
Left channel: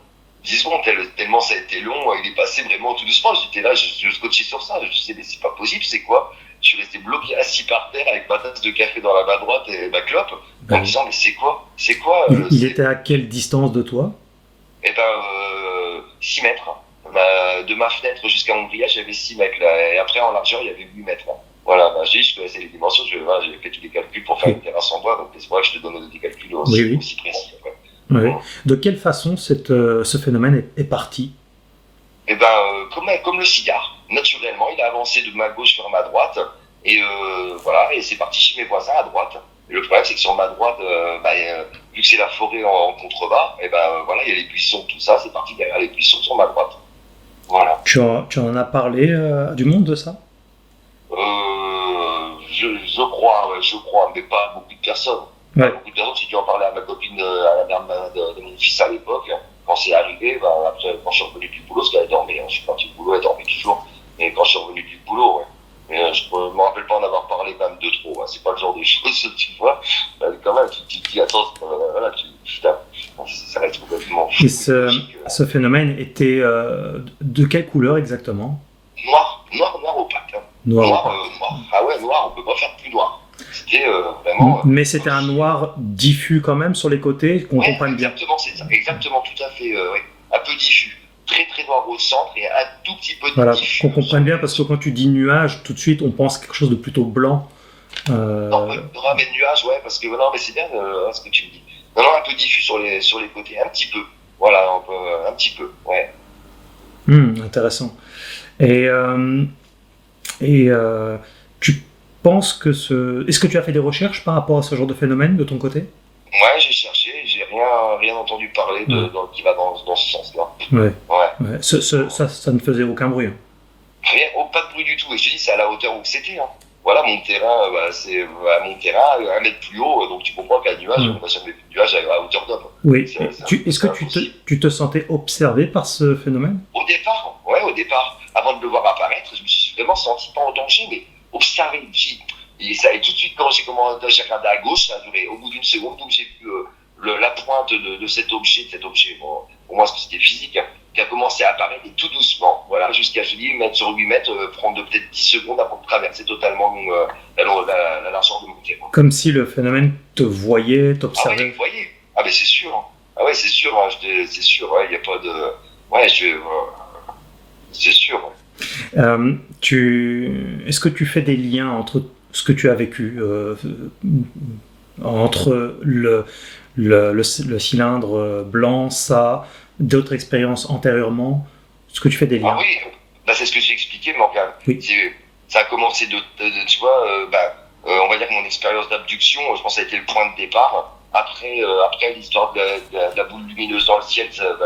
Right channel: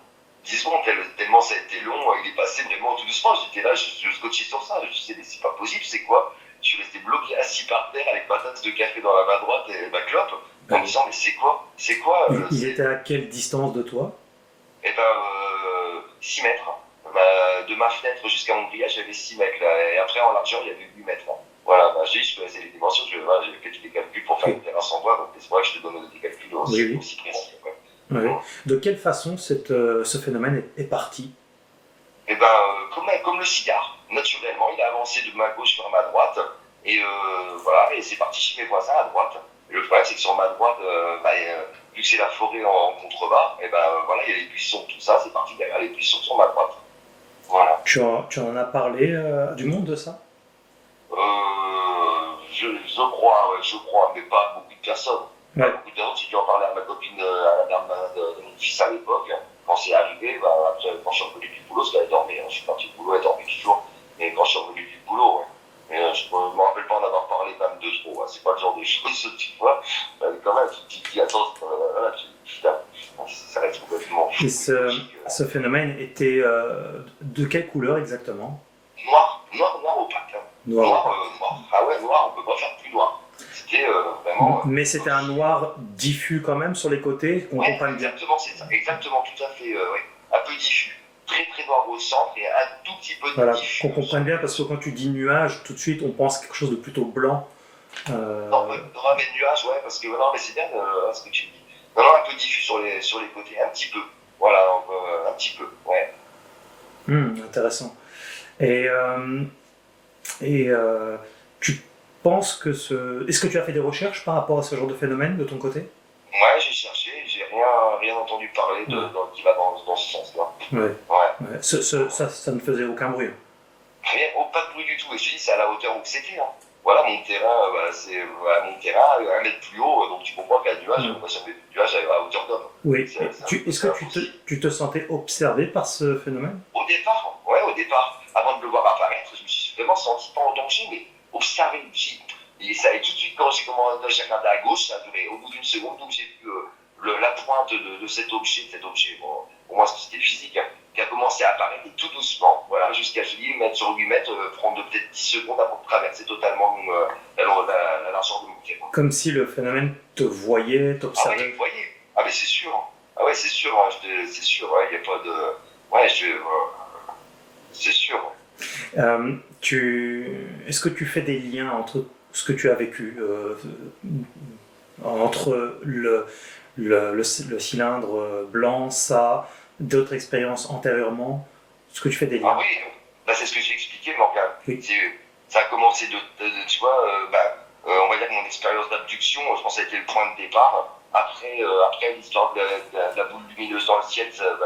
10 secondes, tellement ça a été long, il est passé vraiment tout doucement. J'étais là, je scotchais sur ça. Je me disais, mais c'est pas possible, c'est quoi? Je suis resté bloqué assis par terre avec ma tasse de café dans la main droite et ma clope, en me disant, mais c'est quoi? C'est quoi Il était à quelle distance de toi? Eh ben, 6 mètres. De ma fenêtre jusqu'à mon grillage, j'avais 6 mètres là. Et après, en largeur, il y avait 8 mètres. Là. Voilà, je connaissais les dimensions, j'ai fait tous les calculs pour faire une terrasse en bois, donc c'est vrai que je te donne des calculs aussi précis. Quoi. Oui. De quelle façon ce phénomène est parti? Eh ben, comme le cigare, naturellement, il a avancé de ma gauche vers ma droite, et voilà, et c'est parti chez mes voisins à droite. Et le problème, c'est que sur ma droite, vu que c'est la forêt en contrebas, et voilà, il y a les buissons, tout ça, c'est parti derrière les buissons sur ma droite. Voilà. Tu en as parlé du monde de ça? Je crois, mais pas beaucoup de personnes. Ouais. Beaucoup de personnes, si tu en parlais à ma copine, à la mère de mon fils à l'époque, quand c'est arrivé, après, quand je suis revenu du boulot, parce qu'elle dormait, je suis parti du boulot, elle dormait toujours, mais quand je suis revenu du boulot, ouais. Mais je ne me rappelle pas en avoir parlé quand même de trop, hein. C'est pas le genre de choses, tu vois, quand même, tu te dis, attends, voilà, ça reste complètement fou. Et ce phénomène était de quelle couleur exactement? Noir opaque. Hein. Noir. Ah ouais, noir, on peut pas faire plus noir. C'était vraiment. Mais c'était un noir diffus quand même sur les côtés, qu'on comprenne bien. Exactement, c'est ça. Exactement, tout à fait. Ouais. Un peu diffus. Très très noir au centre et un tout petit peu Voilà, diffus. qu'on comprenne bien, parce que quand tu dis nuage, tout de suite on pense quelque chose de plutôt blanc. Non, ramène nuage, ouais, parce que non, mais c'est bien ce que tu me dis. Non, un peu diffus sur les côtés, un petit peu. Voilà, un petit peu, ouais. Intéressant. Et tu penses que Est-ce que tu as fait des recherches par rapport à ce genre de phénomène de ton côté? Ouais, j'ai cherché, j'ai rien entendu parler qui va dans ce sens-là. Ouais. Ça ne faisait aucun bruit. Rien, pas de bruit du tout. Et je te dis, c'est à la hauteur où c'était. Hein. Voilà, mon terrain, c'est mon terrain, 1 mètre plus haut, donc tu comprends qu'un nuage, on va jamais vu de nuage à hauteur d'homme. Oui. Est-ce que tu te sentais observé par ce phénomène? Au départ. Avant de le voir apparaître, je me suis vraiment senti pas en danger, mais observer. Et tout de suite, quand j'ai commencé à regarder à gauche, ça a duré au bout d'une seconde, donc j'ai vu la pointe de cet objet, bon, pour moi c'était physique, hein, qui a commencé à apparaître et tout doucement, voilà, jusqu'à 8 mètres sur 8 mètres, prendre peut-être 10 secondes avant de traverser totalement la largeur de mon quai. Comme si le phénomène te voyait, Ah t'observait. oui, vous voyez. Ah mais c'est sûr. Ah ouais, c'est sûr, hein, c'est sûr, il n'y a pas de... Ouais, c'est sûr. Est-ce que tu fais des liens entre ce que tu as vécu, entre le cylindre blanc, ça, d'autres expériences antérieurement? Est-ce que tu fais des liens? Ah oui, bah, c'est ce que j'ai expliqué, Morgane. Oui. Ça a commencé tu vois, on va dire que mon expérience d'abduction, je pense que ça a été le point de départ. Après l'histoire de la boule lumineuse dans le ciel, tu vois,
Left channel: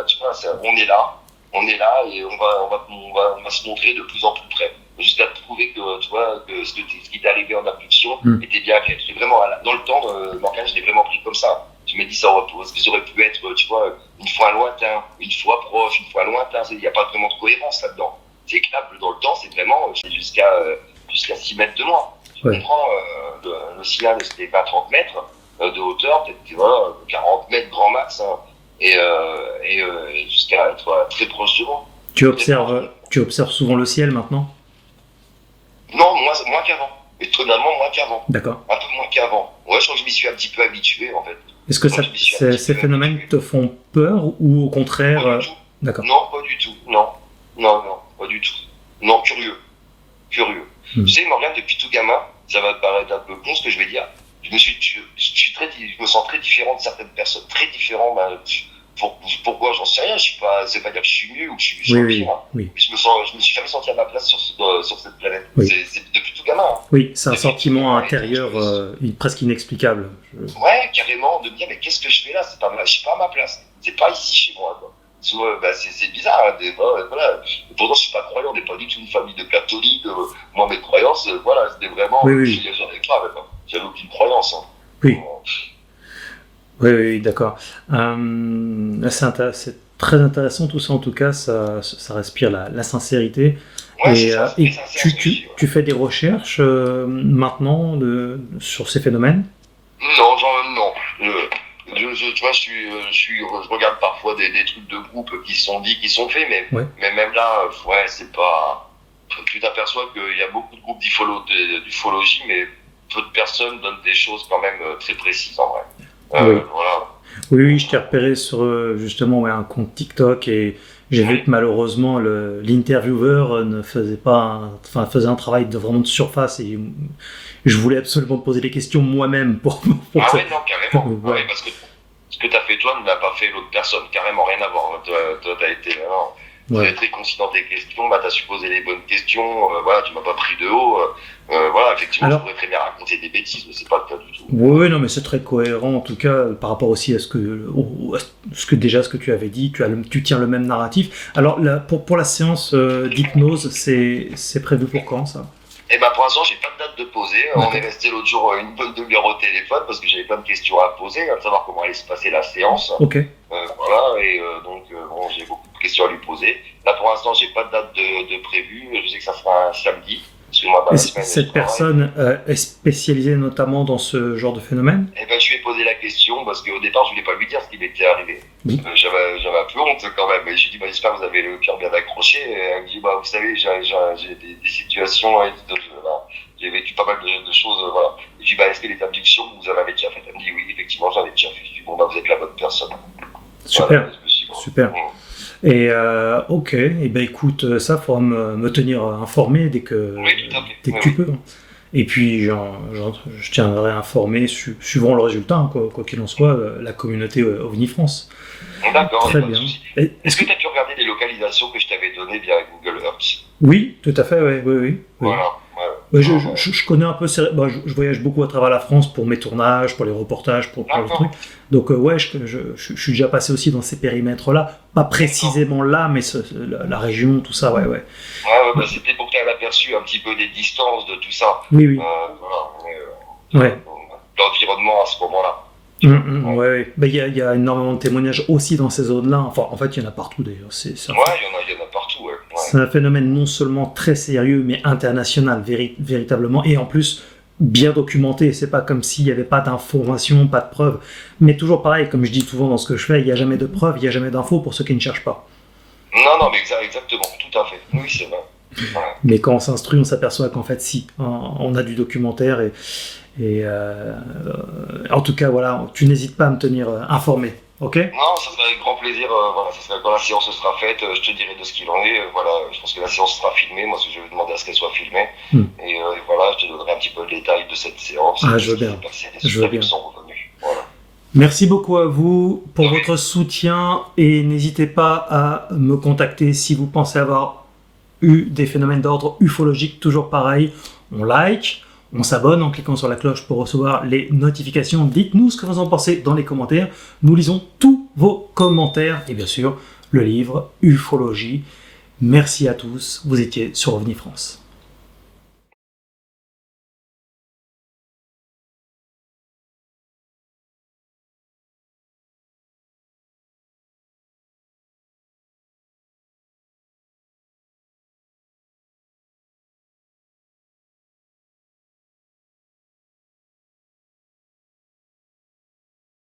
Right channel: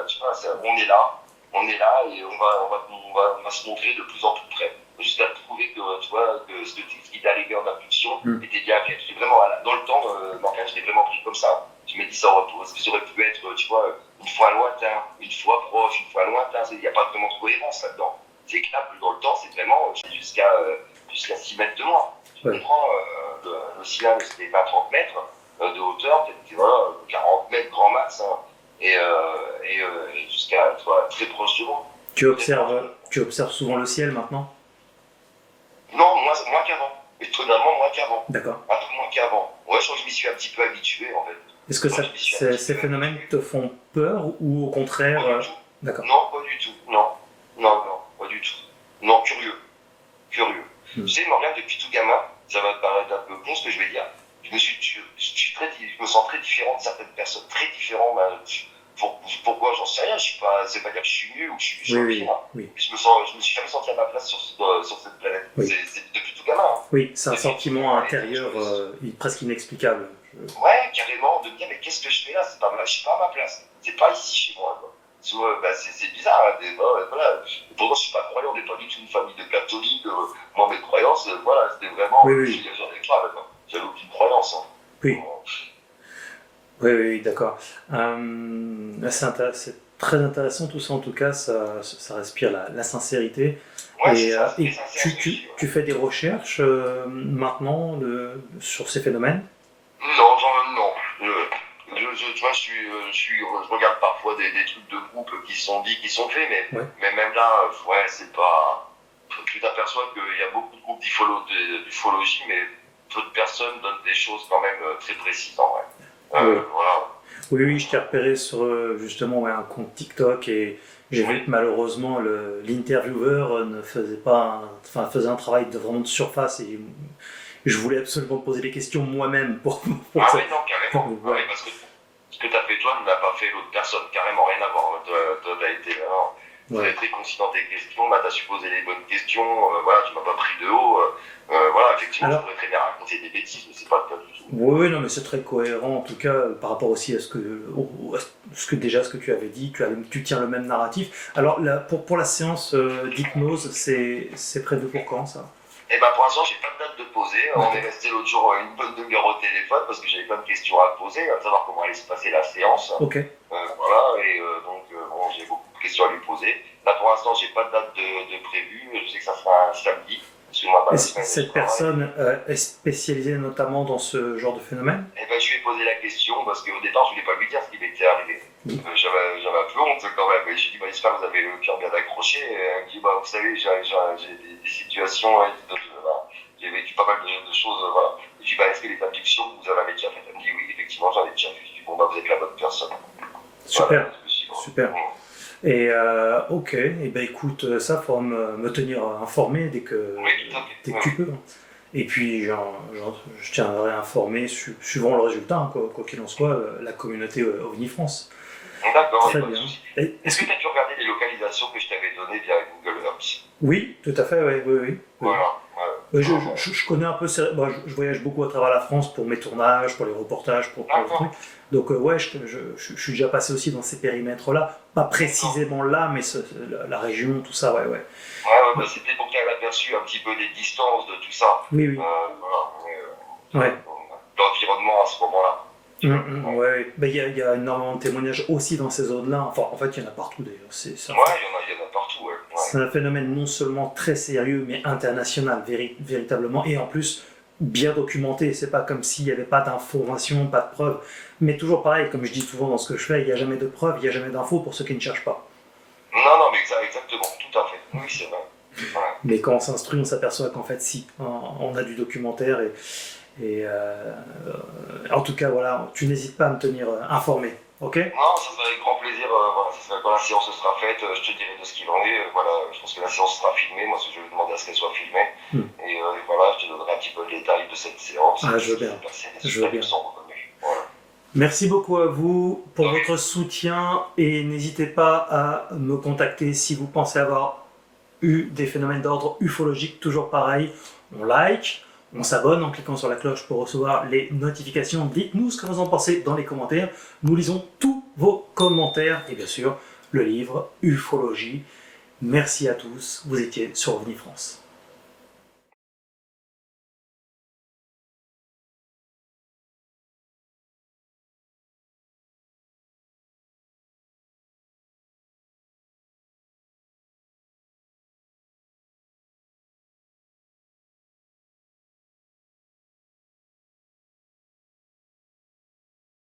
on est là et on va se montrer de plus en plus près. Jusqu'à prouver que, tu vois, que ce qui t'est arrivé en abduction était bien fait. J'ai vraiment, dans le temps, Morgane, je l'ai vraiment pris comme ça. Je me dis, ça aurait pu être, tu vois, une fois lointain, une fois proche, une fois lointain. Il n'y a pas vraiment de cohérence là-dedans. C'est clair que dans le temps, c'est vraiment jusqu'à 6 mètres de moi. Tu comprends, le cylindre, c'était pas 30 mètres de hauteur, peut-être, tu vois, 40 mètres grand max, hein, et jusqu'à être très proche de moi. Tu observes souvent le ciel maintenant? Non, moins qu'avant. Étonnamment, moins qu'avant. D'accord. Un peu moins qu'avant. Ouais, je crois que je m'y suis un petit peu habitué, en fait. Est-ce que ces phénomènes te font peur ou au contraire... Pas du tout. D'accord. Non, pas du tout. Non, pas du tout. Non, curieux. Tu sais, Morgane, depuis tout gamin, ça va te paraître un peu con ce que je vais dire. Je me sens très différent de certaines personnes. Très différent, pourquoi j'en sais rien. C'est pas dire que je suis nul ou que je suis pire. Oui. Je me suis jamais senti à ma place sur cette planète. Oui. C'est depuis tout gamin. Hein. Oui, c'est un sentiment intérieur presque inexplicable. Ouais, carrément, de me dire, mais qu'est-ce que je fais là? Je suis pas à ma place. C'est pas ici chez moi, quoi. C'est bizarre, hein, voilà. Pourtant, je suis pas croyant, on n'est pas du tout une famille de catholiques. Moi, mes croyances, voilà, c'était vraiment. Oui. J'avais aucune croyance. Hein. Oui. Oui, d'accord. C'est très intéressant tout ça, en tout cas, ça respire la sincérité. Ouais, et tu fais des recherches maintenant sur ces phénomènes? Non. Tu vois, je regarde parfois des trucs de groupe qui sont dits, qui sont faits, mais même là, c'est pas. Tu t'aperçois qu'il y a beaucoup de groupes d'ufologie, mais peu de personnes donnent des choses quand même très précises en vrai. Oui. Voilà. Oui, je t'ai repéré sur justement un compte TikTok et j'ai vu que malheureusement l'intervieweur faisait un travail vraiment de surface et je voulais absolument poser des questions moi-même pour ça. Non, carrément. Ouais, parce que ce que tu as fait toi n'a pas fait l'autre personne, carrément rien à voir. Toi, tu as été très, très concis dans tes questions, tu as supposé les bonnes questions, tu m'as pas pris de haut. Effectivement, je pourrais très bien raconter des bêtises, mais c'est pas le cas du tout. Oui, non, mais c'est très cohérent en tout cas par rapport aussi à ce que tu avais dit. Tu tiens le même narratif. Alors pour la séance d'hypnose, c'est prévu pour quand ça? Eh ben pour l'instant, j'ai pas de date de poser. On est resté l'autre jour une bonne demi-heure au téléphone parce que j'avais plein de questions à poser, à savoir comment allait se passer la séance. Ok. Donc j'ai beaucoup de questions à lui poser. Là pour l'instant, j'ai pas de date de prévue. Je sais que ça sera un samedi. Cette personne est spécialisée notamment dans ce genre de phénomène? Eh ben, je lui ai posé la question parce qu'au départ, je voulais pas lui dire ce qui m'était arrivé. Oui. J'avais un peu honte quand même. Et je lui ai dit, j'espère que vous avez le cœur bien accroché. Et elle me dit, vous savez, j'ai des situations, j'ai vécu pas mal de choses. Voilà. Et je lui ai dit, est-ce que les abductions, vous en avez déjà fait? Elle me dit, oui, effectivement, j'en ai déjà fait. Je lui ai dit, vous êtes la bonne personne. Super. Super. Et ok, et ben écoute, ça faudra me tenir informé dès que tu peux. Et puis je tiendrai informé suivant le résultat, quoi qu'il en soit, la communauté OVNI France. D'accord. Très bien. Est-ce que tu as pu regarder les localisations que je t'avais données via Google Earth? Oui, tout à fait, oui. Voilà. Je connais un peu, je voyage beaucoup à travers la France pour mes tournages, pour les reportages, pour le truc. Donc je suis déjà passé aussi dans ces périmètres-là, pas précisément là, mais la région, tout ça, ouais. C'était pour faire l'aperçu un petit peu des distances de tout ça. Oui. L'environnement à ce moment-là. Ouais. Il y a énormément de témoignages aussi dans ces zones-là. Enfin, en fait, il y en a partout d'ailleurs. Il y en a partout, ouais. C'est un phénomène non seulement très sérieux, mais international, véritablement, et en plus bien documenté. C'est pas comme s'il n'y avait pas d'informations, pas de preuves. Mais toujours pareil, comme je dis souvent dans ce que je fais, il n'y a jamais de preuves, il n'y a jamais d'infos pour ceux qui ne cherchent pas. Non, mais exactement, tout à fait. Oui, c'est vrai. Voilà. Mais quand on s'instruit, on s'aperçoit qu'en fait, si, on a du documentaire en tout cas, voilà, tu n'hésites pas à me tenir informé, ok? Non, ça sera avec grand plaisir. Voilà, ça sera, quand la séance sera faite, je te dirai de ce qu'il en est. Voilà, je pense que la séance sera filmée. Moi, je vais demander à ce qu'elle soit filmée. Et voilà, je te donnerai un petit peu le détail de cette séance. Ah, je veux bien. Je veux bien. Voilà. Merci beaucoup à vous pour votre soutien et n'hésitez pas à me contacter si vous pensez avoir eu des phénomènes d'ordre ufologique. Toujours pareil, on like, on s'abonne en cliquant sur la cloche pour recevoir les notifications. Dites-nous ce que vous en pensez dans les commentaires. Nous lisons tous vos commentaires et bien sûr le livre Ufologie. Merci à tous, vous étiez sur OVNI France.